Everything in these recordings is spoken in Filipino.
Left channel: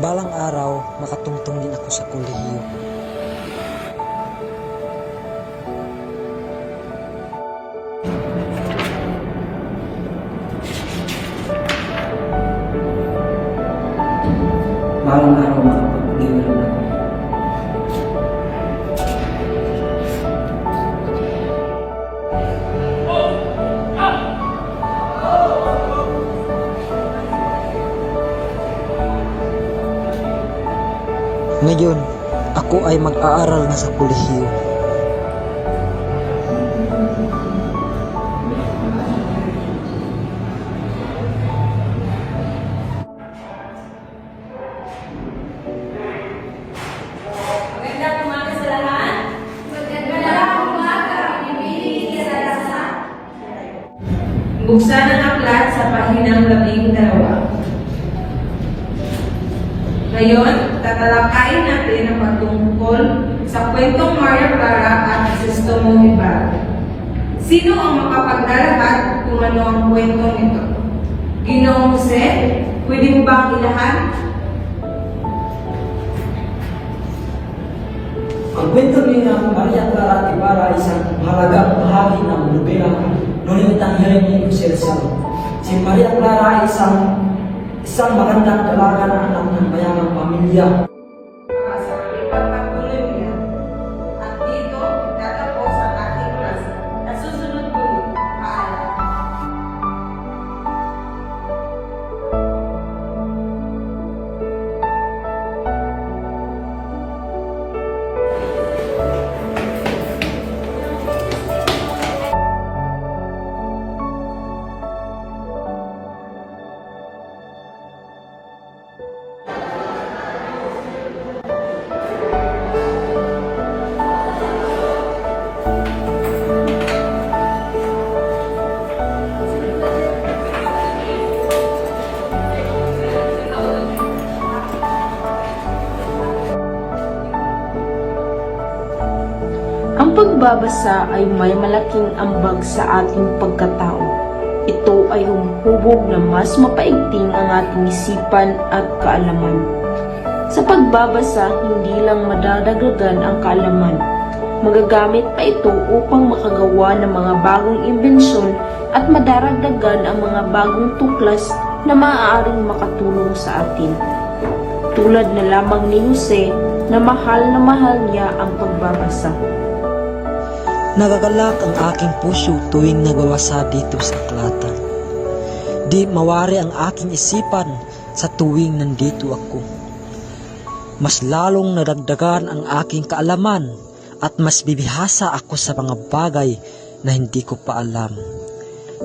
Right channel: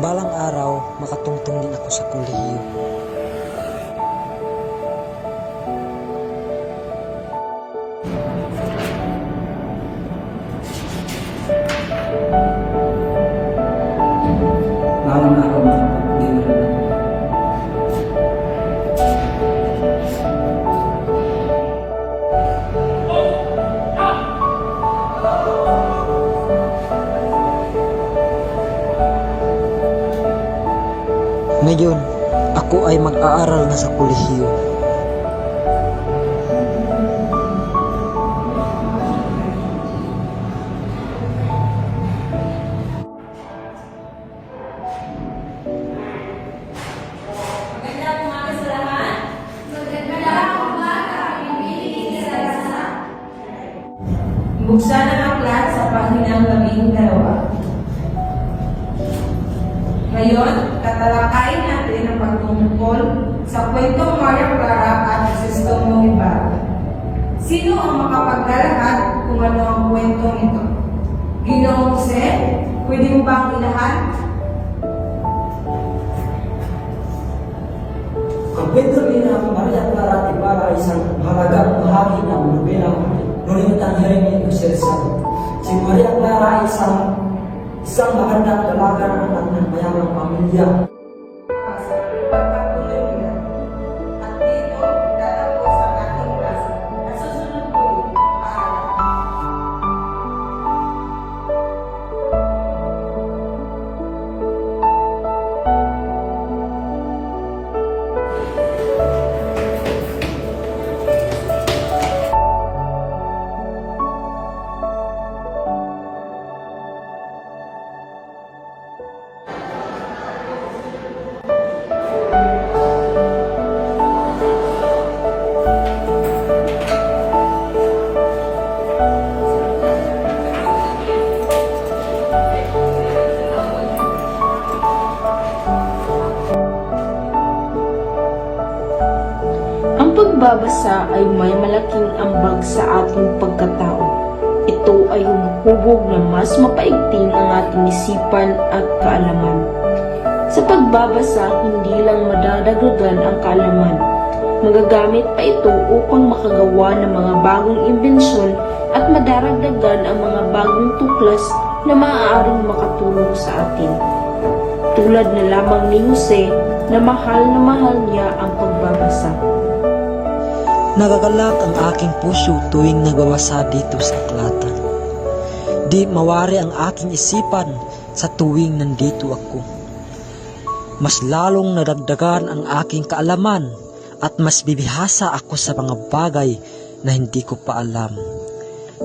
Balang araw, makatungtong din ako sa kolehiyo. Balang araw, makapagpunin na rin ako. Ngayon, ako ay mag-aaral na sa kolehiyo. Magandang umaga sa lahat. Magandang umaga. Ibigay sa lahat. Buksan ang aklat sa pahinang 12. Ngayon, tatalakayin natin ang pagtungkol sa kwentong Maria Clara at Crisostomo Ibarra. Sino ang makapaglalahad kung ano ang kwentong ito? Ginoong Jose, pwede mo ba ang ilahan? Ang kwento ni Maria Clara at Ibarra ay isang mahalagang bahagi ng nobelang Nolitang Hiring ni Celsa. Si Maria Clara ay isang magandang dalaga na anak ng mayamang pamilya. Sa pagpapatuloy niya. At dito, tatapos ang ating klase. At susunod po ulit. Paalam. Ang pagbabasa ay may malaking ambag sa ating pagkatao. Ito ay humuhubog na mas mapaigting ang ating isipan at kaalaman. Sa pagbabasa, hindi lang madadagdagan ang kaalaman. Magagamit pa ito upang makagawa ng mga bagong imbensyon at madaragdagan ang mga bagong tuklas na maaaring makatulong sa atin. Tulad na lamang ni Jose na mahal niya ang pagbabasa. Nagagalak ang aking puso tuwing nagwawasa dito sa aklatan. Di mawari ang aking isipan sa tuwing nandito ako. Mas lalong nadagdagan ang aking kaalaman at mas bibihasa ako sa mga bagay na hindi ko pa alam.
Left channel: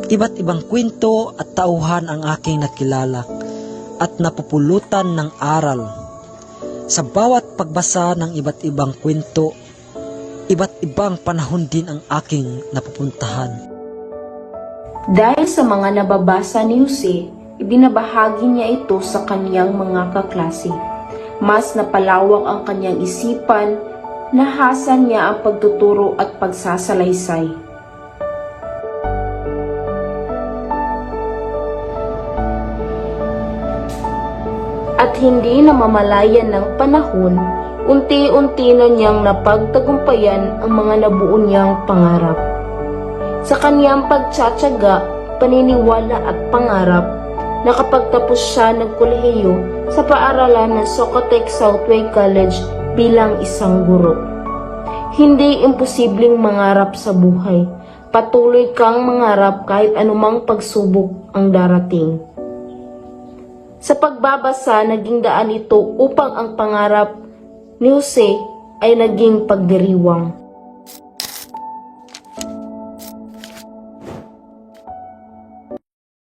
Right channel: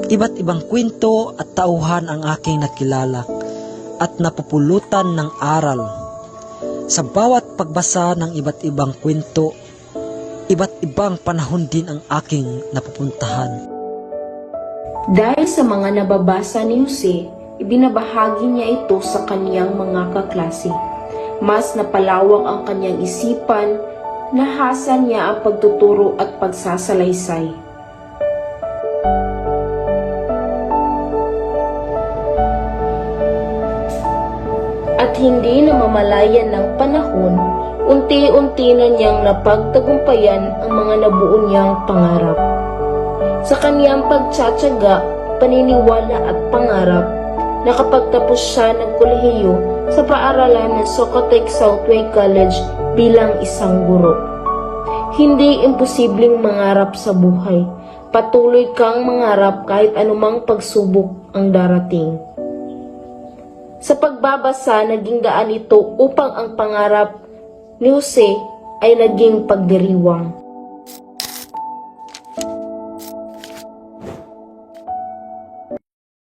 Iba't ibang kwento at tauhan ang aking nakilala at napupulutan ng aral. Sa bawat pagbasa ng iba't ibang kwento, iba't ibang panahon din ang aking napupuntahan. Dahil sa mga nababasa ni Jose, ibinabahagi niya ito sa kaniyang mga kaklase. Mas napalawak ang kaniyang isipan, nahasa niya ang pagtuturo at pagsasalaysay. At hindi namamalayan ng panahon, unti-unti na niyang napagtagumpayan ang mga nabuo niyang pangarap. Sa kaniyang pagtsatsaga, paniniwala at pangarap, nakapagtapos siya ng kolehiyo sa paaralan ng Socotec Southway College bilang isang guro. Hindi imposibleng mangarap sa buhay. Patuloy kang mangarap kahit anumang pagsubok ang darating. Sa pagbabasa, naging daan ito upang ang pangarap ni Jose ay naging pagdiriwang.